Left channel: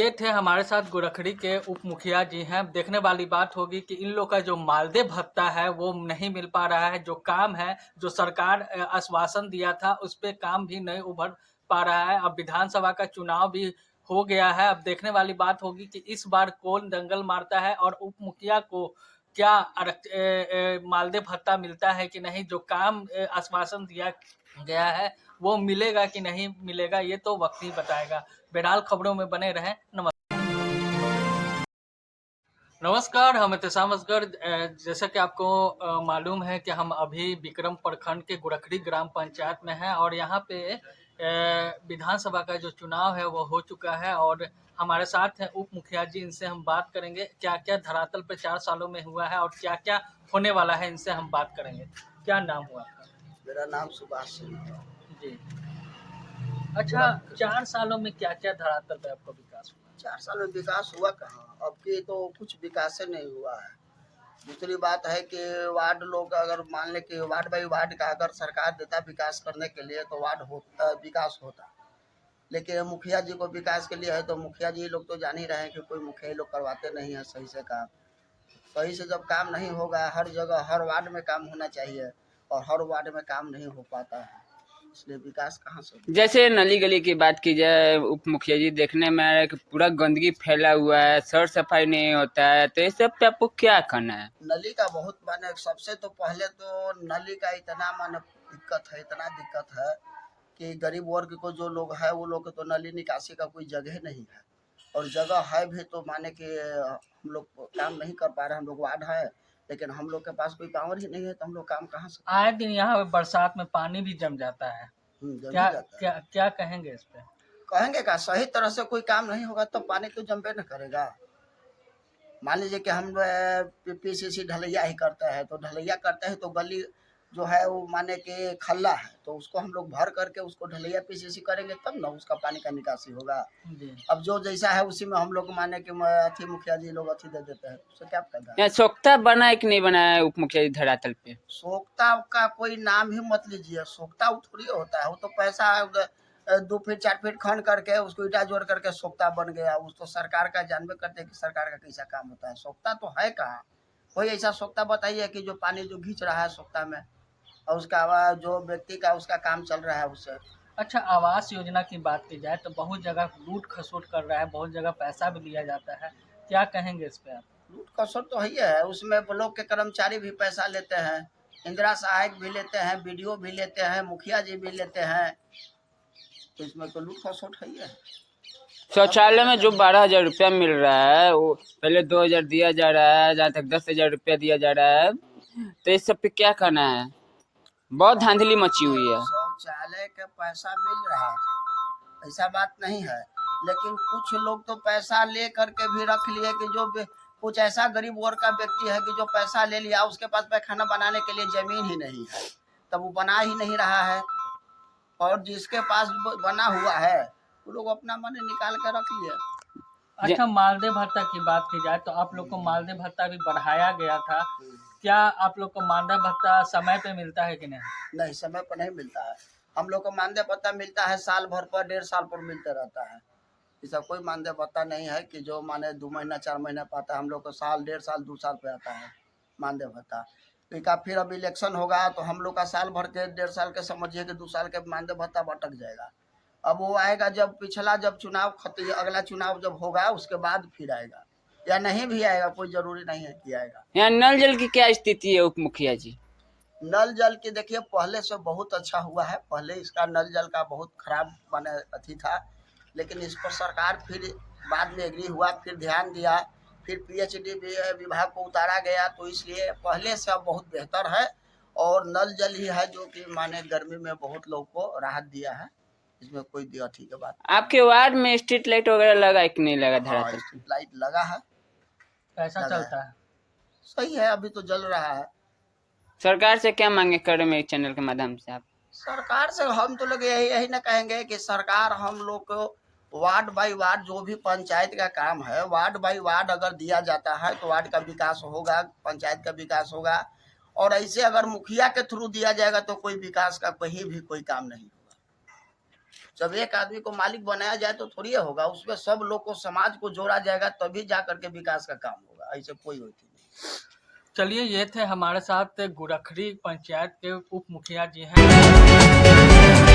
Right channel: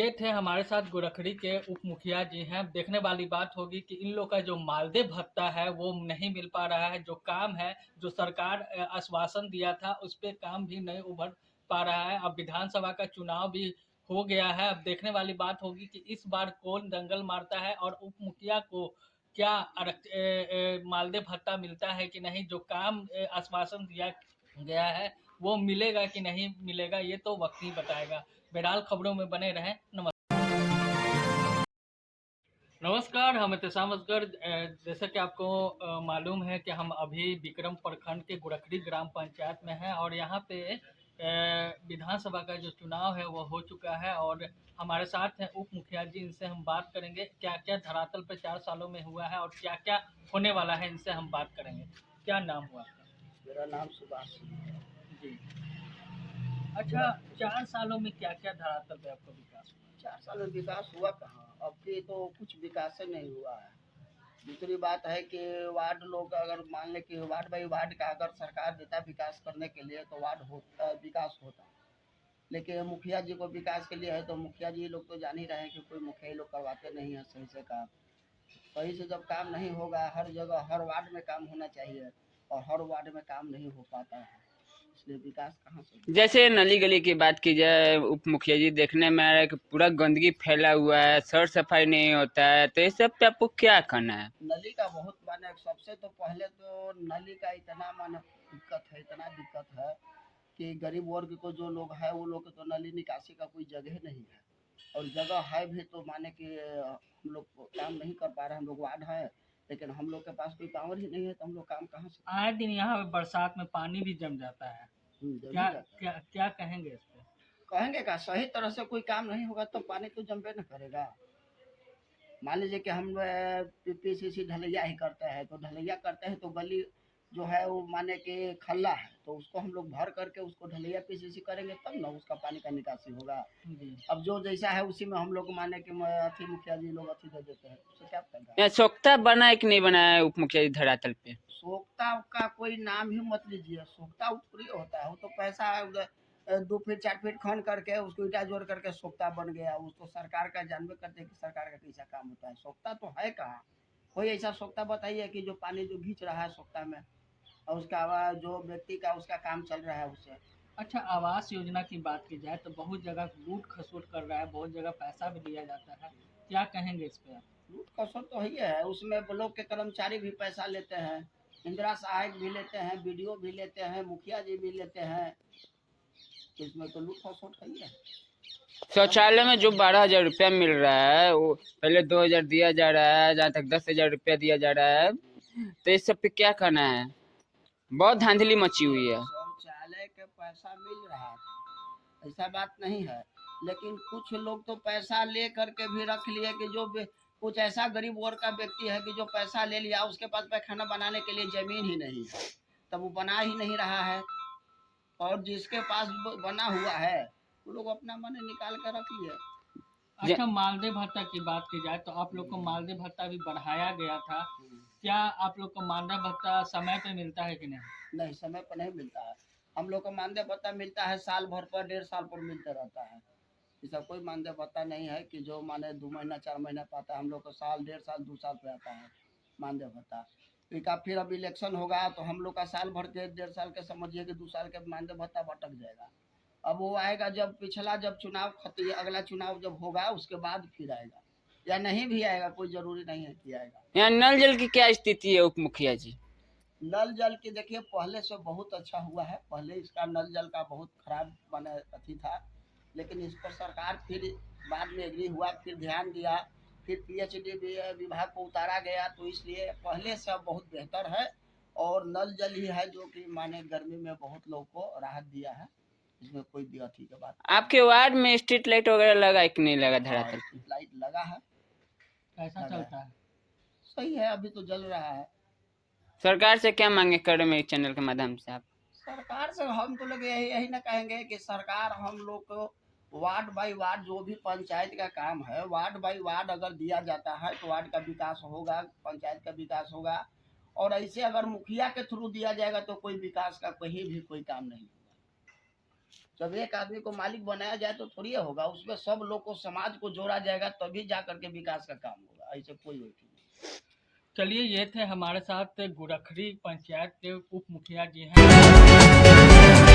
ये थे हमारे साथ गोरखड़ी के उप मुखिया जी हैं। देखने वाली बात होगी कि इन लोग का जो मालदे भत्ता है वो नहीं मिल पा रहा है। जो काम है, जो सरकार आश्वासन दिया था, उस पे काम भी नहीं उभर पा रहा है। अब विधानसभा का चुनाव भी हो गया है। अब देखने वाली बात होगी कि इस बार कौन दंगल मारता है और उप मुखिया को क्या मालदे भत्ता मिलता है कि नहीं। जो काम आश्वासन दिया गया है वो मिलेगा कि नहीं मिलेगा, ये तो वक्त ही बताएगा। बहरहाल खबरों में बने रहें। नमस्कार, हम एहतसाम असगर। जैसा कि आपको मालूम है कि हम अभी विक्रम प्रखंड के गोरखड़ी ग्राम पंचायत में हैं और यहाँ पे विधानसभा का जो चुनाव है वो हो चुका है और हमारे साथ हैं उप मुखिया जी। इनसे हम बात करेंगे क्या क्या धरातल पे 4 सालों में हुआ है और क्या क्या होने वाला है, इनसे हम बात करेंगे। क्या नाम हुआ आपका? मेरा नाम सुभाष सिंह है। जी। अच्छा, 4 सालों में क्या क्या धरातल पे आपका विकास हुआ? 4 साल में विकास हुआ कहाँ? अब की तो कुछ विकास ही नहीं हुआ है। दूसरी बात है कि वार्ड लोग अगर मान लें कि वार्ड बाई वार्ड का अगर सरकार देता विकास करने के लिए तो वार्ड होता, विकास होता। लेकिन मुखिया जी को विकास के लिए है तो मुखिया जी लोग तो जान ही रहे हैं कि कोई मुखिया लोग करवाते नहीं है सही से काम। सही से जब काम नहीं होगा, हर जगह हर वार्ड में काम होना चाहिए और हर वार्ड में काम नहीं हो पाता है, इसलिए विकास कहाँ से होगा? जैसे नली गली की बात की जाए, उप मुखिया जी, देखने में आ रहा है कि पूरा गंदगी फैला हुआ है, सर सफाई नहीं होता है, तो इस सब पे आपको क्या करना है? नली का बहुत माने सबसे तो पहले तो नली का इतना माने दिक्कत है, इतना दिक्कत है कि गरीब वर्ग को जो लोग है वो लोग तो नली निकासी का कोई जगह नहीं है और जगह है भी तो माने कि हम लोग काम नहीं कर पा रहे। हम लोग वार्ड है लेकिन हम लोग के पास कोई पावर ही नहीं है तो हम लोग काम कहाँ से? आए दिन यहाँ बरसात में पानी भी जम जाता है। जम क्या ही जाता है। क्या क्या कहेंगे इस पे? कहेंगे का सही तरह से कोई काम नहीं होगा तो पानी तो जमबे न करेगा। मान लीजिए कि हम पीसीसी ढलैया ही करते हैं तो ढलैया करते हैं तो गली जो है वो माने कि खल्ला है तो उसको हम लोग भर करके उसको ढलैया पीसीसी करेंगे तब ना उसका पानी का निकासी होगा। जी। अब जो जैसा है उसी में हम लोग माने कि अथी मुखिया जी लोग अथी दे देते हैं, उससे क्या फायदा है? यहाँ सोख्ता बना है कि नहीं बना है उप मुखिया जी धरातल पे? सोख्ता का कोई नाम ही मत लीजिए। सोख्ता वो थोड़ी होता है, वो तो पैसा 2 फीट 4 फीट खन करके उसको ईटा जोड़ करके सोख्ता बन गया। उस तो सरकार का जानबे करते हैं कि सरकार का कैसा काम होता है। सोख्ता तो है कहाँ? कोई ऐसा सोख्ता बताइए कि जो पानी जो खींच रहा है सोख्ता में और उसका जो व्यक्ति का उसका काम चल रहा है उससे। अच्छा, आवास योजना की बात की जाए तो बहुत जगह लूट खसोट कर रहा है, बहुत जगह पैसा भी लिया जाता है। क्या कहेंगे इस पे आप? लूट खसोट तो है, उसमें ब्लॉक के कर्मचारी भी पैसा लेते हैं, इंदिरा सहायक भी लेते हैं, बीडीओ भी लेते हैं, मुखिया जी भी लेते हैं, तो इसमें तो लूट खसोट है। शौचालय में जो 12,000 रुपया मिल रहा है वो पहले 2,000 दिया जा रहा है, जहाँ तक 10,000 रुपया दिया जा रहा है, तो इस सब पे क्या कहना है? बहुत धांधली मची हुई है। शौचालय का पैसा मिल रहा था, ऐसा बात नहीं है, लेकिन कुछ लोग तो पैसा ले करके भी रख लिए कि जो कुछ ऐसा गरीब वर्ग का व्यक्ति है कि जो पैसा ले लिया उसके पास पैखाना बनाने के लिए जमीन ही नहीं है, तब वो बना ही नहीं रहा है। और जिसके पास बना हुआ है वो लोग अपना मन निकाल के रख लिए। अच्छा, मालदे भत्ता की बात की जाए तो आप लोग को मालदे भत्ता भी बढ़ाया गया था। क्या आप लोग को मालदे भत्ता समय पे मिलता है कि नहीं? नहीं, समय पर नहीं मिलता है। हम लोग को मानदेय भत्ता मिलता है साल भर पर, 1.5 साल पर मिलते रहता है। ऐसा कोई मानदेय भत्ता नहीं है कि जो माने 2 महीना 4 महीना पाता है। हम लोग को साल 1.5 साल 2 साल पे आता है मानदेय भत्ता। तो फिर अब इलेक्शन होगा तो हम लोग का साल भर के 1.5 साल के समझिए कि 2 साल के मानदेय भत्ता भटक जाएगा। अब वो आएगा जब पिछला जब चुनाव अगला चुनाव जब होगा उसके बाद फिर आएगा, या नहीं भी आएगा, कोई जरूरी नहीं है कि आएगा। यहाँ नल जल की क्या स्थिति है उप मुखिया जी? नल जल की देखिए पहले से बहुत अच्छा हुआ है। पहले इसका नल जल का बहुत खराब माने अथी था, लेकिन इस पर सरकार फिर बाद में एग्री हुआ, फिर ध्यान दिया, फिर पीएचडी विभाग को उतारा गया, तो इसलिए पहले से अब बहुत बेहतर है। और नल जल ही है जो कि माने गर्मी में बहुत लोग को राहत दिया है, इसमें कोई अथी की बात। आपके वार्ड में स्ट्रीट लाइट वगैरह लगा है कि नहीं लगा धरातल पे? स्ट्रीट लाइट लगा है, कैसा चलता है? सही है, अभी तो जल रहा है। सरकार से क्या मांगे कर रहे मेरे चैनल के माध्यम से आप? सरकार से हम तो लोग यही ना कहेंगे कि सरकार हम लोग को वार्ड बाई वार्ड जो भी पंचायत का काम है वार्ड बाई वार्ड अगर दिया जाता है तो वार्ड का विकास होगा, पंचायत का विकास होगा। और ऐसे अगर मुखिया के थ्रू दिया जाएगा तो कोई विकास का कहीं भी कोई काम नहीं होगा। जब एक आदमी को मालिक बनाया जाए तो थोड़ी होगा, उसमें सब लोग को, समाज को जोड़ा जाएगा तभी जा करके विकास का काम होगा, ऐसे कोई होती नहीं। चलिए, ये थे हमारे साथ गोरखड़ी पंचायत के उप मुखिया जी हैं।